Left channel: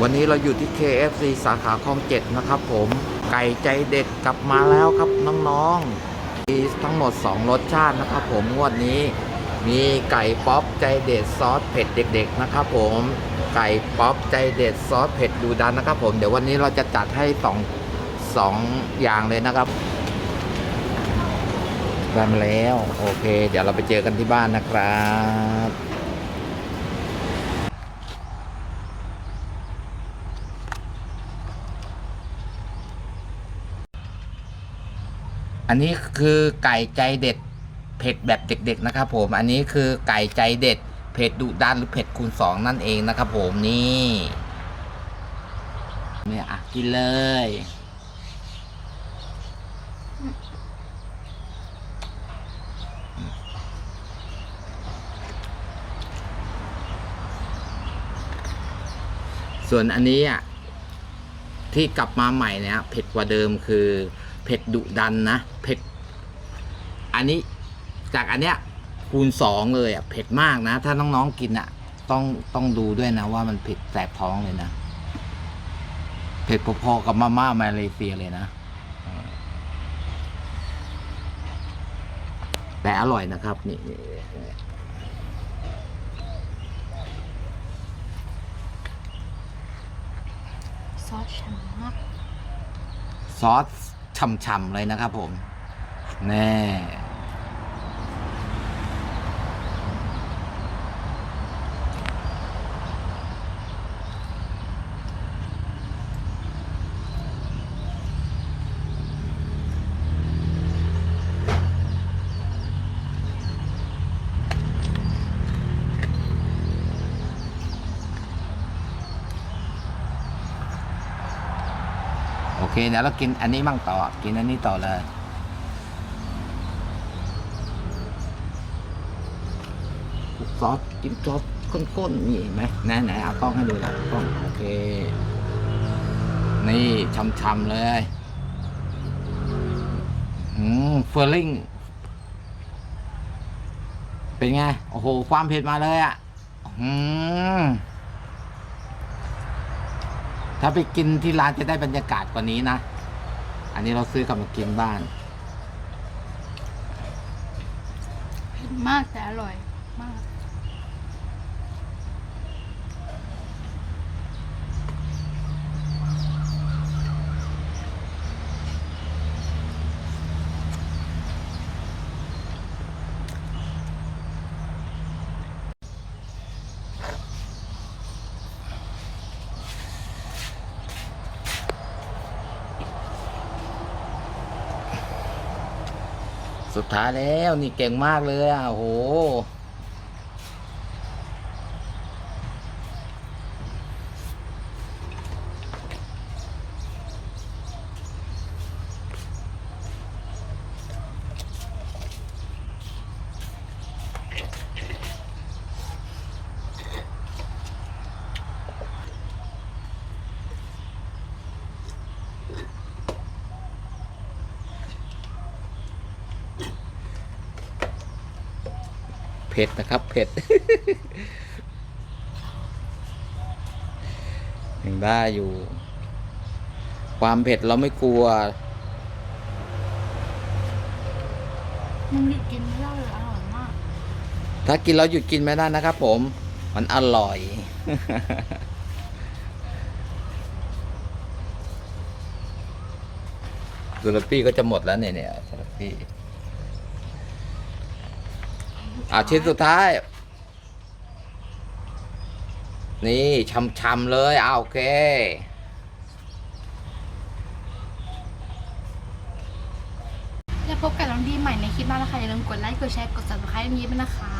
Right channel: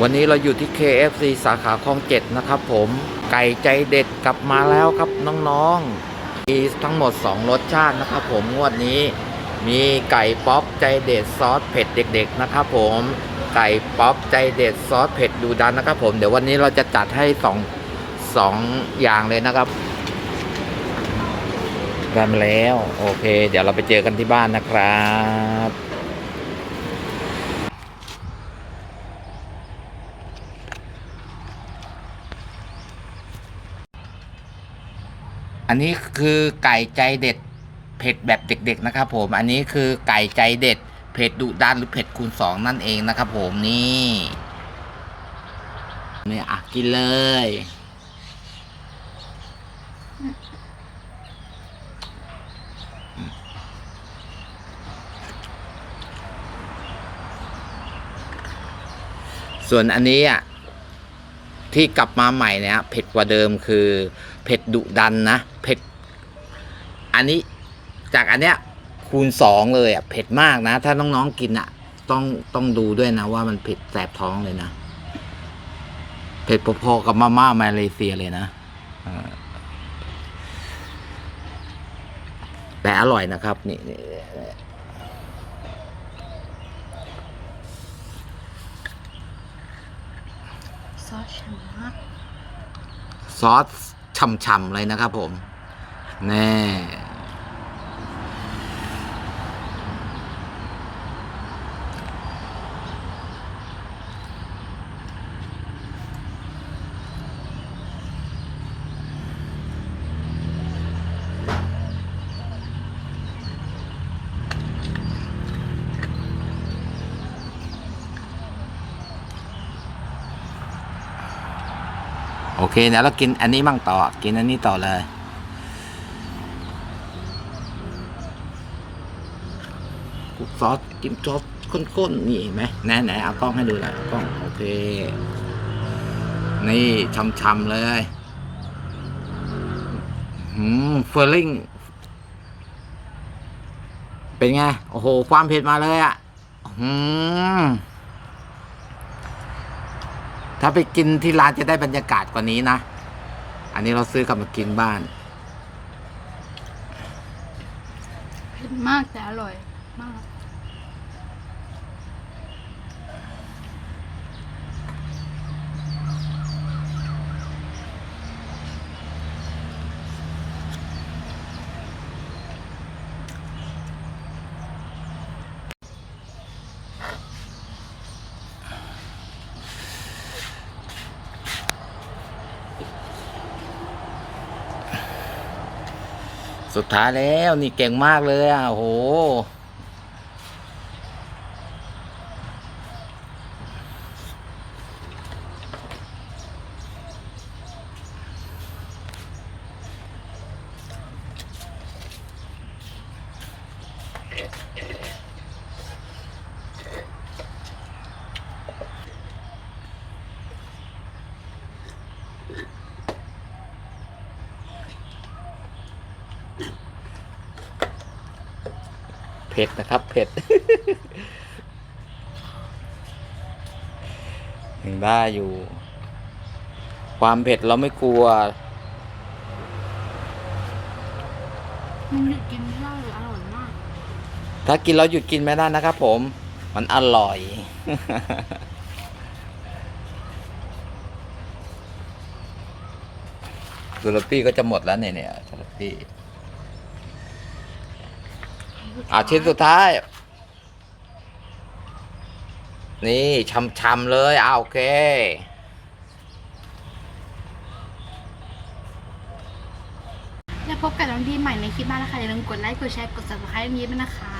วันนี้เราอยู่ที่ KFC สาขาคลองเจ็ดนะครับผมไก่ใจเด็ดกลับมาแล้วครับน้องๆมีทั้งหมด 2 รสชาตินะครับผมงวดนี้มีไก่ป๊อปใจเด็ดซอสเผ็ดเด็ก ๆ นะครับผมไก่ป๊อปใจเด็ดซอสเผ็ดดูดันนะครับผมเดี๋ยววันนี้เราจะจัดให้สองสองอย่างเลยนะครับได้มาแล้ว โอเค เดี๋ยวเราไปเจอกันที่บ้านนะครับ อันนี้คือไก่ใจเด็ดเผ็ดแบบเด็กๆนะครับ ผมอันนี้คือไก่ใจเด็ดเผ็ดดุดันหรือเผ็ดคูณสองนั่นเองนะครับ ผมนี่เนี่ยอะกินเลยส่วนอันนี้อะ ที่กลับมาใหม่เนี่ยเผ็ดกว่าเดิมคือเผ็ดดุดันนะเผ็ดอันนี้จากอันเนี้ยคูณสองเลยอะเผ็ดมากนะ ถ้าน้องๆกินอะ ต้องต้องดูด้วยนะว่ามันเผ็ดแสบท้องเลยนะเผ็ดพอๆกับมาม่ามาเลเซียเลยนะแต่อร่อยนะครับ นี่ ซอสฉ่ำมากซอสฉ่ำๆเลยนะครับผมแน่ โอเคเดี๋ยวเรากินอันนี้มั่งต่อ กินอันนี้ต่อเลยซอสจิ้มซอสข้นๆนี่ไหมไหนไหนเอากล้องให้ดูหน่อยกล้องโอเค นี่ช่ำๆเลยอืมเฟอร์ลิงเป็นไง โอ้โห ความเผ็ดมาเลยอะ่ะอืม ถ้าไปกินที่ร้านจะได้บรรยากาศกว่านี้นะ อันนี้เราซื้อกลับมากินบ้าน เผ็ดมากแต่อร่อยมาก สุดท้ายแล้วนี่เก่งมากเลยอะโห เผ็ดนะครับ เผ็ด ยังได้อยู่ ความเผ็ดเราไม่กลัว มันหยุดกินไม่ได้เลยอร่อยมากถ้ากินเราหยุดกินไม่ได้นะครับผม มันอร่อย สุรปี้ก็จะหมดแล้วเนี่ยเนี่ยสุรปี้ อ่าชิ้นสุดท้าย นี่ช่ำๆเลยอ่าโอเค แล้วพบกับน้องดีใหม่ในคลิปหน้านะคะอย่าลืมกดไลค์กดแชร์กด subscribe นี้ด้วยนะคะ